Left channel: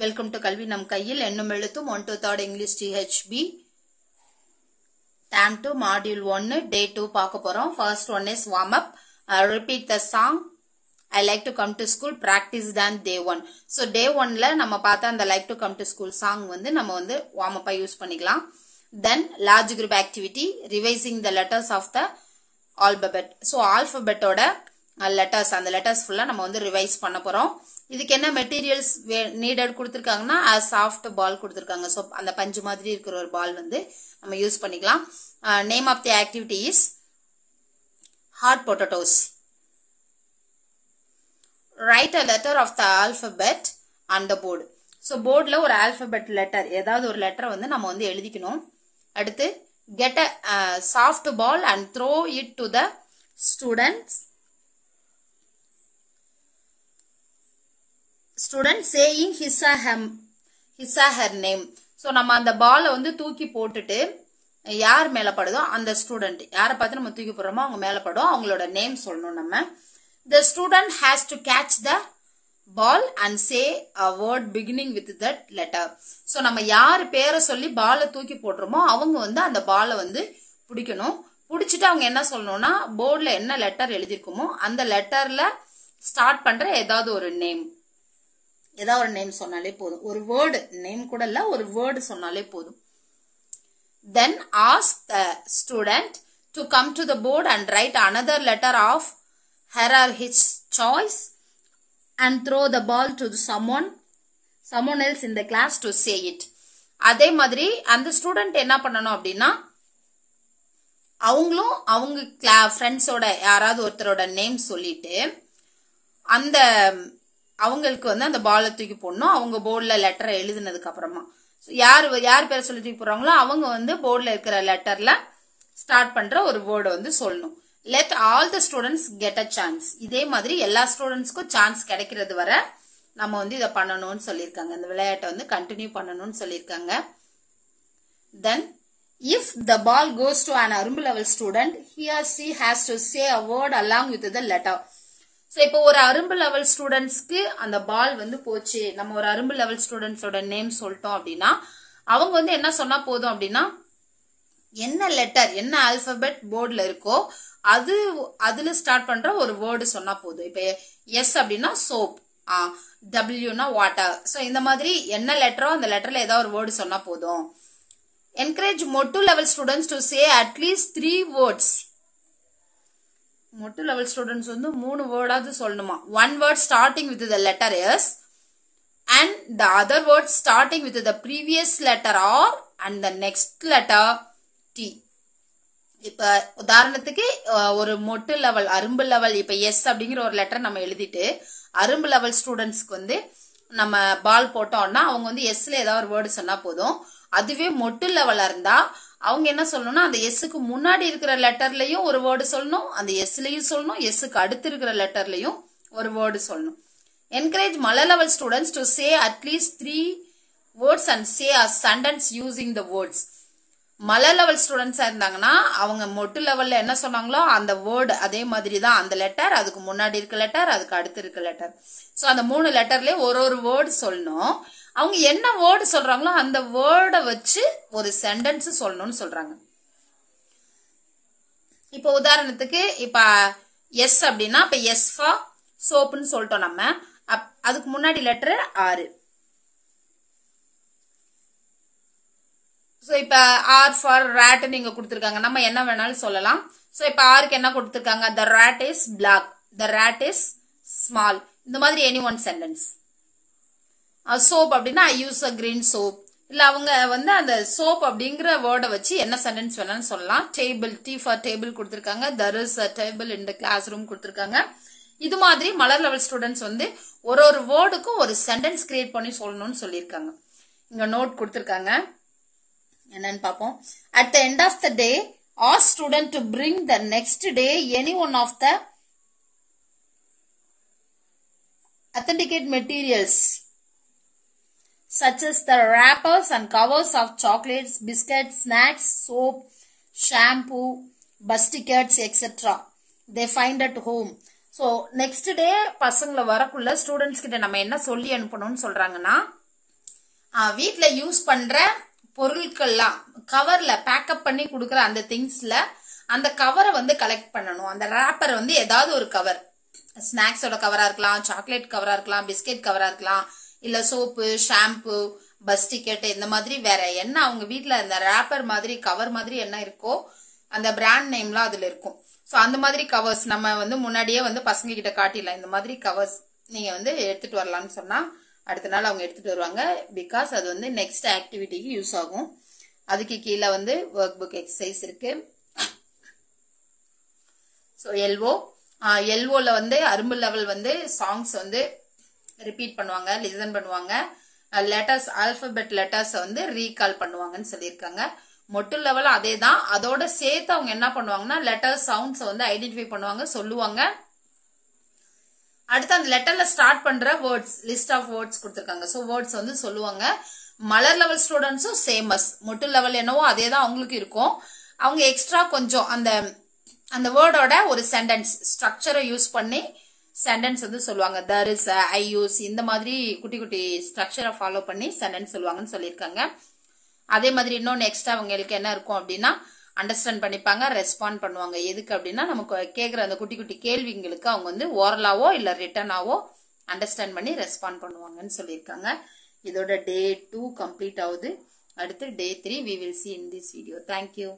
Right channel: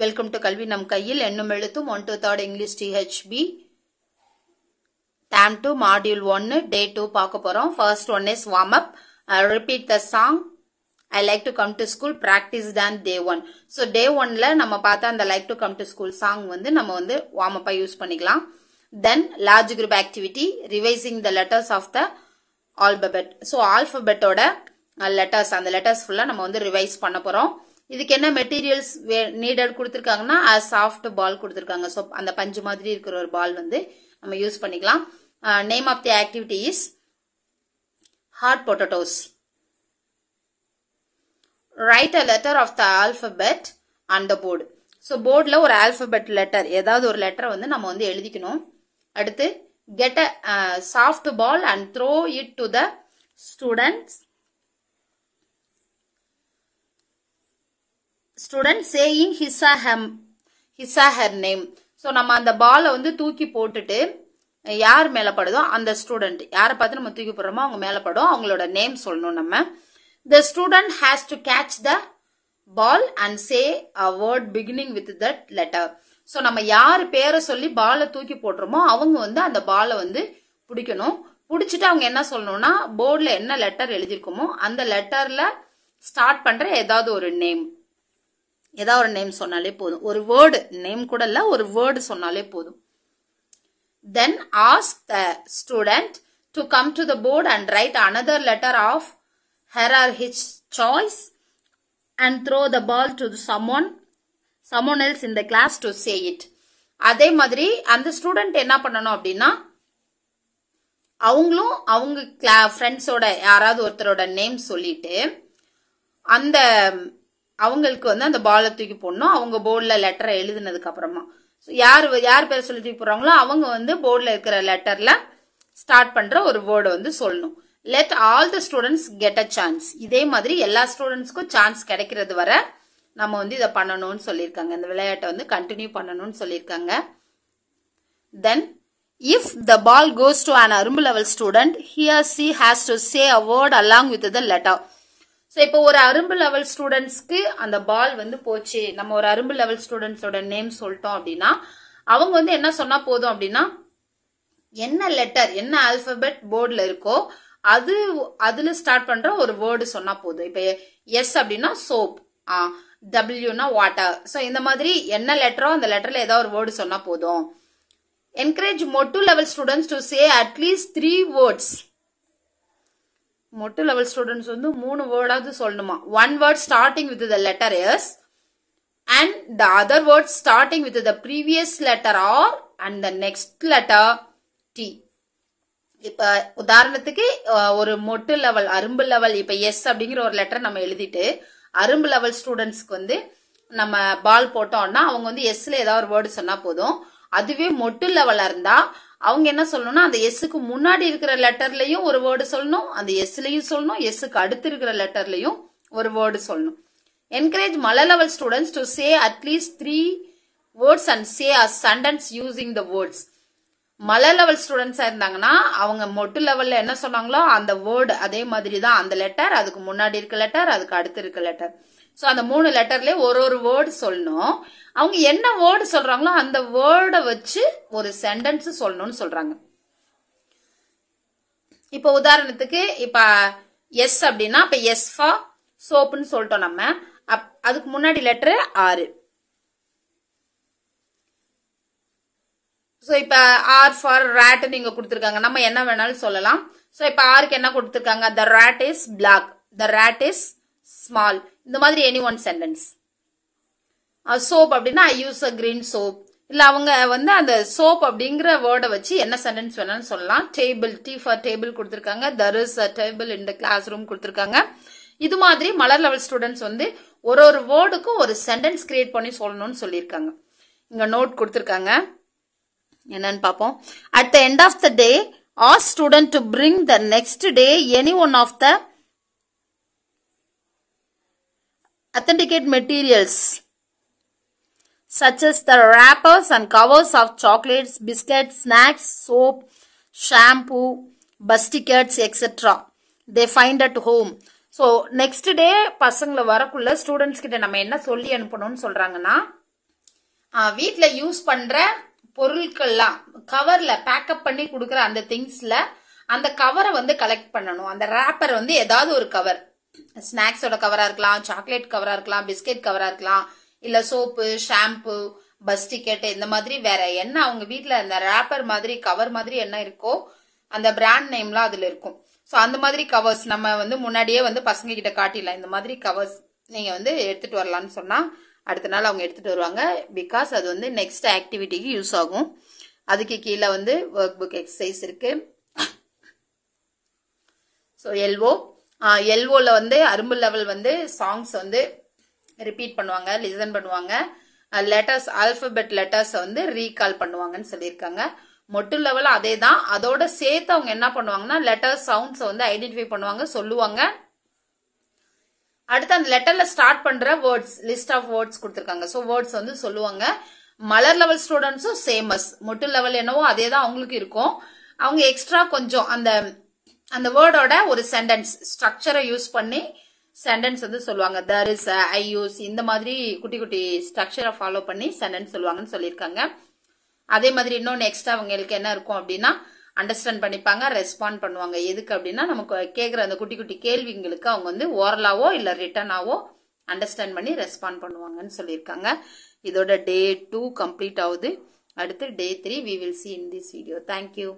Welcome to Kalvi Nam Kaiyil Ennum Elutthum 1 to 3rd English THB Term 2 Module 1 Day 2 பார்க்க போறோம். First one is warm up. Repeat the song. I like to come to school. Practice than day 1. So day 1 ல நம்ம பார்த்த அந்த like to come to school song வந்து நம்ம வந்து warm up use பண்ணிக்கலாம். Then large group activity revising the letters of the alphabet. So alphabet ஓட letters அந்த letters full நம்ம வந்து revise பண்ண போறோம். இதுக்கு என்ன மெட்டீரியல்ஸ் நீடட் கொடுத்திருக்காங்கன்னா சாஃப்ட் பால் கொடுத்திருக்காங்க. சோ அந்த பஞ்சு மாதிரி இருக்கிற ஒரு பால் வந்து நம்ம யூஸ் பண்ணிக்கலாம். Name of the activity is hot potatoes. Write a letter of the alphabet on the board. So போர்டுல ஒரு ஆல்பபெட் லெட்டர் ஏதாவது ஒரு லெட்டரை வந்து நம்ம வந்து எழுதிக்கணும். அடுத்து get a soft ball and throw it to the student saying his or her name. So நம்ம அந்த பாலை வந்து தூக்கி போட்டுட்டு யார் மேல படுதோ அந்த ஸ்டூடெண்ட் யாரை பார்த்து நம்ம தூக்கி போடுறோமோ அவங்க மேல படும் அவங்களோட நேம் சொல்லணும். நம்ம the student has to catch the ball and say a word beginning with that letter. So நம்ம யார் பேரை சொல்லி பாலை தூக்கி போடுறோமோ அவங்க வந்து அந்த பாலை வந்து பிடிக்கணும். பிடிச்சிட்டு அவங்க என்ன சொல்லணும்னா போர்டுல என்ன லெட்டர் எழுதிருக்குமோ அந்த லெட்டர்ல ஸ்டார்ட் பண்ற ஏதாவது ஒரு நேம் சொன்னாலே போதும். ஒரு வேர்டு நேம் கூட இல்ல ஒரு வேர்டு சொன்னாலே போதும். Then ask the student to come to the board and write another letter of her or his choice and throw the ball to someone else in the class to say it. அதே மாதிரி அந்த student என்ன பண்ணணும் அப்படின்னா அவங்களும் அவங்க ஃப்ரெண்ட்ஸோட யாராவது ஒருத்தரோட நேம் சொல்லிட்டு அந்த அவங்களுக்கு வந்து அந்த பாலை தூக்கி போடணும். அவங்க போர்டுல லெட்டரை எழுதினதுக்கு அப்புறமா யார் பேர் சொல்லி தூக்கி போடுறாங்களோ அவங்க வந்து போர்டுல இருக்கிற லெட்டர்ல ஸ்டார்ட் பண்ற ஒரு வேர்டு வந்து சொல்லணும். Let all the students get a chance. இதே மாதிரி எல்லா ஸ்டூடெண்ட்ஸ்க்கும் சான்ஸ் கிடைக்கிறது வர நம்ம வந்து இதை பண்ணணும்னு சொல்லியிருக்காங்க. இந்த விளையாட்டை வந்து கண்டினியூ பண்ணணும்னு சொல்லியிருக்காங்க. Then if the ball goes to an அரும்பு level student he or she has to say a word along with the letter. So இப்போ ஒரு அரும்பு லெவல் ஸ்டூடெண்ட்ஸ்க்கு அந்த பால் வந்து போச்சு, நம்ம ஒரு அரும்பு லெவல் ஸ்டூடெண்ட்ஸோட நேம் சொல்லிட்டோம் அப்படின்னா அவங்க வந்து என்ன சொன்னா போதும் அப்படின்னா என்ன லெட்டர் என்ன ஆல்பபெட் போர்டுல இருக்கோ அதுல ஸ்டார்ட் பண்ற ஒரு வேர்டு சொன்னா போதும். இப்ப எஸ் அப்படின்னா சோப், டபிள்யூனா வாட்டர். சோ இந்த மாதிரி என்ன லெட்டரோ அந்த லெட்டர்ல ஏதாவது ஒரு வேர்டு சொன்னா போதும். என்கரேஜ் மொட்டு level students to say at least 3 words. மொட்டு லெவல் ஸ்டூடெண்ட்ஸ் வந்து 3 வேர்டாவது சொல்லணுமா. 1 word starting with the letter S and the other word starting with the previous letter R and the next letter T. இப்ப உதாரணத்துக்கு ஒரு மொட்டு லெவல் அரும்பு level இப்ப S அப்படிங்கிற ஒரு லெட்டர் நம்ம எழுதிட்டு அரும்பு லெவல் ஸ்டூடெண்ட்ஸ்க்கு வந்து நம்ம பால் போட்டோம்னா அவங்க வந்து எஸ்ல ஏதாவது ஒரு வேர்டு சொன்னா போதும். அதுவே மொட்டு லெவலா இருந்தா அவங்க என்ன சொல்லணும்னா அந்த எஸ்ஸுக்கு முன்னாடி இருக்கிற லெட்டர்லயும் ஒரு வேர்டு சொல்லணும், அந்த எஸ்லயும் சொல்லணும், எஸ்ஸுக்கு அடுத்து இருக்கிற லெட்டர்லயும் ஒரு வேர்டு சொல்லணும். என்கரேஜ் மலை level students to say at least 3 words and say a sentence using the words. மலை லெவல் ஸ்டூடெண்ட்ஸா இருந்தாங்கன்னா அவங்க மொட்டு லெவல்ல என்ன சொன்னாங்களோ அந்த வேர்டு அதே மாதிரி தான் அந்த லெட்டர் அதுக்கு முன்னாடி இருக்க லெட்டர் அதுக்கு அடுத்து இருக்க லெட்டர். சோ அந்த 3 லெட்டர்லயே ஒரு வேர்டு சொல்லணும். அவங்க என்ன வேர்டு சொல்றாங்களோ அந்த வேர்டை வச்சு ஒரு சென்டென்ஸ் சொல்லணும்னு சொல்றாங்க. இப்ப உதாரணத்துக்கு இப்ப எஸ் அப்படின்னா இப்ப எஸ் ஃபார் சோப்புன்னு சொல்லிட்டோம் நம்ம. அதுக்கு முன்னாடி லெட்டர் ஆறு. சோ இப்ப ஆர் ஃபார் ராட் நீங்க கொடுத்திருக்காங்க, நம்ம என்ன வேணாலும் சொல்லலாம். சோ இப்ப ஆருக்கு என்ன கொடுத்திருக்காங்க, the rat is black, the rat is small. இந்த மாதிரி எனி ஒன் சென்டென்ஸ். சோப் அப்படின்னா ஐ யூஸ் அ கிரீன் சோப். இல்ல அவங்க வந்து அந்த சோப் அப்படிங்கிற வேர்டை வச்சு என்ன சென்டென்ஸ் வேணாலும் சொல்லலாம். டேபிள், டி ஃபார் டேபிள் கொடுத்திருக்காங்க. there is a table in the classroom கொடுத்திருக்காங்க. இது மாதிரி மலர் லெவல் ஸ்டூடெண்ட்ஸ் வந்து ஒரு வேர்டுக்கும் ஒரு சென்டென்ஸ் கிரியேட் பண்ணி சொல்லணும்னு சொல்லியிருக்காங்க. இங்க நோட் கொடுத்திருக்காங்க, என்னன்னு பாப்போம். at the end of the day ask student to bring the next day any one of the authenticate materials such as the wrappers and covers of chocolates, biscuits, snacks, soap, shampoo, bus tickets, etc. they find at home. So next day பசங்கள வரக்குள்ள students கிட்ட நம்ம என்ன சொல்லி அனுப்பணும்னு சொல்றாங்கன்னா வீட்ல use பண்ற பொருட்கள்லாம் கவர்ல பேக்கப் பண்ணி கொடுக்குற அந்த திங்ஸ்ல அந்த கவரை வந்து கலெக்ட் பண்ணணும். அந்த ரேப்பர் வந்து ஏதாவது ஒரு கவர், ஸ்நாக்ஸோட கவரா இருக்கலாம், சாக்லேட் கவரா இருக்கலாம், பிஸ்கட் கவரா இருக்கலாம், இல்ல சோப்பு, ஷாம்பு, பஸ் டிக்கெட், இந்த மாதிரி வேற என்ன அவங்க வீட்ல அந்த ரேப்பர் மாதிரி கவர் மாதிரி என்ன இருக்கோ அந்த பிராண்ட் நேம்லாம் அதுல இருக்கும். சோ அந்த மாதிரி கவர்ஸ் நம்ம வந்து முன்னாடியே வந்து பசங்க கிட்ட காட்டிடலாம். இந்த மாதிரி கவர்ஸ் நீங்க வந்து எடுத்துட்டு வரலாம்னு சொன்னா அடுத்த நாள் அவங்க எடுத்துட்டு வருவாங்க. பிகாஸ் அது வந்து நெக்ஸ்ட் ஆக்டிவிட்டிக்கு யூஸ் ஆகும். அதுக்கு கீழே வந்து ஒர்க் புக் எக்ஸசைஸ் இருக்கு. ஸோ எல்ஓல வந்து அரும்பு லெவல் வந்து சாங்ஸ் வந்து ரிப்பீட் பண்ணுவாங்க, லிசன் பண்ணுவாங்க. லெட்டர்ஸ், ஆல்பபெட் லெட்டர்ஸ் வந்து ரீகால் பண்ணுவாங்கன்னு சொல்லியிருக்காங்க. மொட்டு லெவல் அதே தான். அதோட சேர்த்து அவங்க என்ன பண்ணுவாங்கன்னா லெட்டர் சவுண்ட்ஸ் வந்து ஐடென்டிஃபை பண்ணுவாங்க, சொல்லுவாங்க. அடுத்து அந்த லெட்டர்ல ஸ்டார்ட் பண்ற வேர்ட்ஸ், லிஸ்ட் ஆஃப் வேர்ட்ஸ் கொடுத்திருக்காங்க. ஸோ வேர்ட்ஸ் வந்து சொல்லுவாங்க. மலர் லெவல் ஸ்டூடெண்ட்ஸும் சேமஸ், மொட்டு லெவல் என்னவோ அதே தான் அவங்களுக்கு இருக்கும். அவங்க எக்ஸ்ட்ரா கொஞ்சம் அந்த வேர்டோட ஒரு சென்டென்ஸ் ஸ்ட்ரக்சரை யூஸ் பண்ணி சென்டென்ஸ் வந்து சொல்லுவாங்க. தர் இஸ், ஐ யூஸ், இந்த மாதிரி குட்டி குட்டி ஸ்ட்ரக்சரை ஃபாலோ பண்ணி சென்டென்ஸ் சொல்லுவாங்கன்னு சொல்லியிருக்காங்க. அதே மாதிரி இன்னொன்று எக்ஸ்ட்ரா அவங்களுக்கு என்ன இருக்கும் அப்படின்னா அண்டர்ஸ்டாண்ட் பண்ணிப்பாங்க, ரெஸ்பாண்ட் பண்ணுவாங்க. எதுக்கு அப்படின்னா நமக்கு கேட்குற அந்த குட்டி குட்டி கேள்விங்களுக்கு அவங்க வந்து ஓரலாவோ இல்லை ரிட்டனாவோ அண்டர்ஸ்டாண்ட் பண்ணி ரெஸ்பாண்ட் பண்ணுவாங்கன்னு சொல்லியிருக்காங்க. இதோட Day 2 கம்ப்ளீட் ஆகுது. அடுத்து Day 3 we will see in this video. Thank you.